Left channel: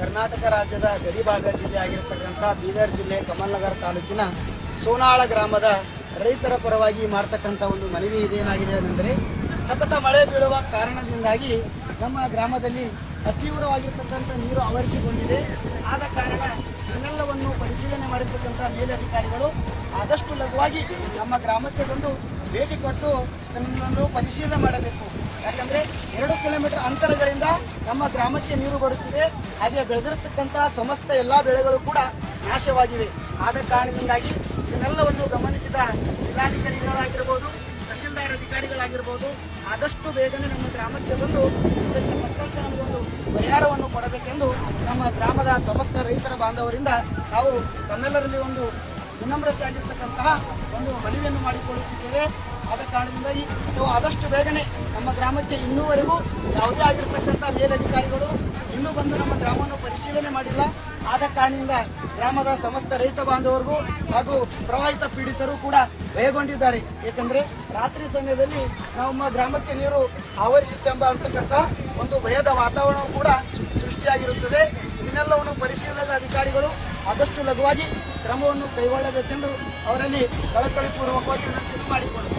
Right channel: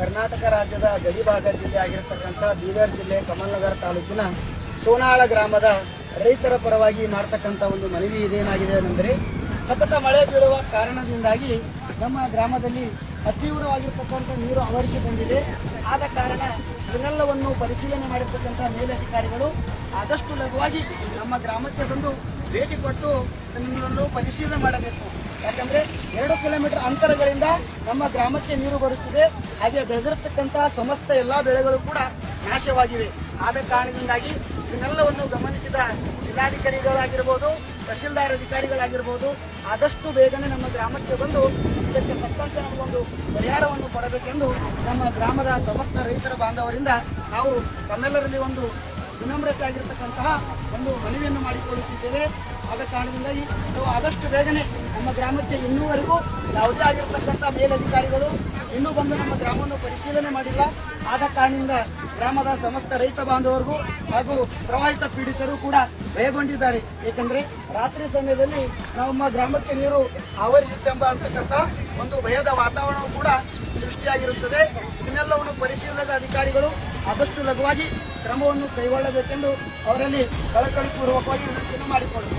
ಕರ್ನಾಟಕ ರಾಜ್ಯದ ಗಡಿಭಾಗ ಜಿಲ್ಲೆ ಆಗಿರತಕ್ಕಂಥ ಬೀದರ್ ಜಿಲ್ಲೆ ಕಮಲ್ನಗರ ತಾಲೂಕಿನ ಸೋನಾಳ ಗ್ರಾಮದ ರೈತರ ಪರವಾಗಿ ಮಾಡ್ತಕ್ಕಂಥ ಒಂದು ಮನವಿ ಇದೇನಾಗಿದೆ ಅಂದರೆ ಸತತ ಮಳೆ ಬೀಳುವ ಕಾರಣದಿಂದಾಗಿ ನಮ್ಮ ಗ್ರಾಮದಲ್ಲಿ ಅತೀವ್ರವಾಗಿರ್ತಕ್ಕಂಥ ನೀರು ಆವರಿಸಿಕೊಂಡಿದೆ. ಆದ ಕಾರಣ ಇದನ್ನೆಲ್ಲವನ್ನು ಪರಿಶೀಲನೆ ಮಾಡಿರ್ತಕ್ಕಂಥ ಮೇಲಧಿಕಾರಿಗಳು ಆದಷ್ಟು ಲಘುವಾಗಿ ನಮ್ಮ ಗ್ರಾಮಕ್ಕೆ ಬಂದು ಭೇಟಿ ಕೊಟ್ಟು ನಮ್ಮನ್ನು ಪರಿಶೀಲನೆ ಮಾಡಬೇಕು. ಯಾಕಂದ್ರೆ ಎರಡು ಕಿಲೋಮೀಟರ್ ಅಂತರಗಳಿಂದ ನಮ್ಮ ಗ್ರಾಮಕ್ಕೆ ನೀರು ಬರುತ್ತಿದೆ. ಹಾಗೆ ಬೆಳೆದಿರತಕ್ಕಂತಹ ಸಮಸ್ತ ಎಲ್ಲಾ ಬೆಳೆಗಳು ಕೂಡ ನಾಶವಾಗಿವೆ. ಆದ ಕಾರಣದಿಂದಾಗಿ ಇದನ್ನೆಲ್ಲವನ್ನು ಗಮನಿಸಿದ ಜಿಲ್ಲಾಧಿಕಾರಿಗಳಾಗಿರ್ಬೋದು ತಹಶೀಲ್ದಾರ್ ಅಧಿಕಾರಿಗಳಾಗಿರ್ಬೋದು, ಆದಷ್ಟು ಬೇಗನೆ ನಮ್ಮ ಗ್ರಾಮಕ್ಕೆ ಬಂದು ಇದಕ್ಕೆ ತಕ್ಕಂತೆ ನಮಗೊಂದು ಪರಿಹಾರವನ್ನು ಕೊಡಬೇಕೆಂದು ನಮ್ಮ ಗ್ರಾಮದ ಸಮಸ್ತ ರೈತರ ಬಾಂಧವರಿಂದ ನಾವು ತಮ್ಮೆಲ್ಲರಲ್ಲಿ ಒಂದು ವಿನಮ್ರತೆ ಆಗಿರ್ತಕ್ಕಂತಹ ಒಂದು ಮನವಿಯನ್ನು ಮಾಡಿಕೊಳ್ಳುತ್ತಿದ್ದೇವೆ. ಆದ ಕಾರಣದಿಂದಾಗಿ ನಾವು ಆದಷ್ಟು ಬೇಗನೆ ನಮ್ಮ ಗ್ರಾಮಕ್ಕೆ ಇನ್ನೂವರೆಗೂ ಯಾವುದೇ ಆಗಿರ್ತಕ್ಕಂಥ ಮೇಲಧಿಕಾರಿಗಳು ಇನ್ನೂ ಬಂದು ನಮ್ಮ ಗ್ರಾಮವನ್ನು ಪರಿಶೀಲನೆ ಮಾಡಿಲ್ಲ. ಆದ ಕಾರಣದಿಂದ ಗ್ರಾಮದ ಸಮಸ್ತ ರೈತ ಬಾಂಧವರಿಗೂ ಹಾಗೂ ಪ್ರವಾಹಿತ ಪೀಡಿತರು ಕೂಡ ಭಯಗೊಂಡಿದ್ದಾರೆ. ಏಕೆಂದರೆ ರಾತ್ರಿ ಸಮಯದಲ್ಲಿ ನಮ್ಮ ಗ್ರಾಮಕ್ಕೆ ನೀರು ಆವರಿಸುತ್ತೆಂಬ ಅಂತಕ್ಕಂಥ ಒಂದು ಭಯದ ವಾತಾವರಣ ಕೂಡ ಸೃಷ್ಟಿಯಾಗಿರುತ್ತದೆ. ಇನ್ನೆಲ್ಲವನ್ನು ಪರಿಶೀಲನದ ಅಧಿಕಾರಿಗಳು ಆದಷ್ಟು ಲಘುವಾಗಿ ಕ್ರಮವನ್ನು ಕೈಗೊಳ್ಳಬೇಕೆಂದು ಅವರಲ್ಲಿ ಕಳಕಳಿಪೂರ್ವಕವಾಗಿ ವಿನಂತಿಯನ್ನು ಮಾಡಿಕೊಳ್ಳುತ್ತೇವೆ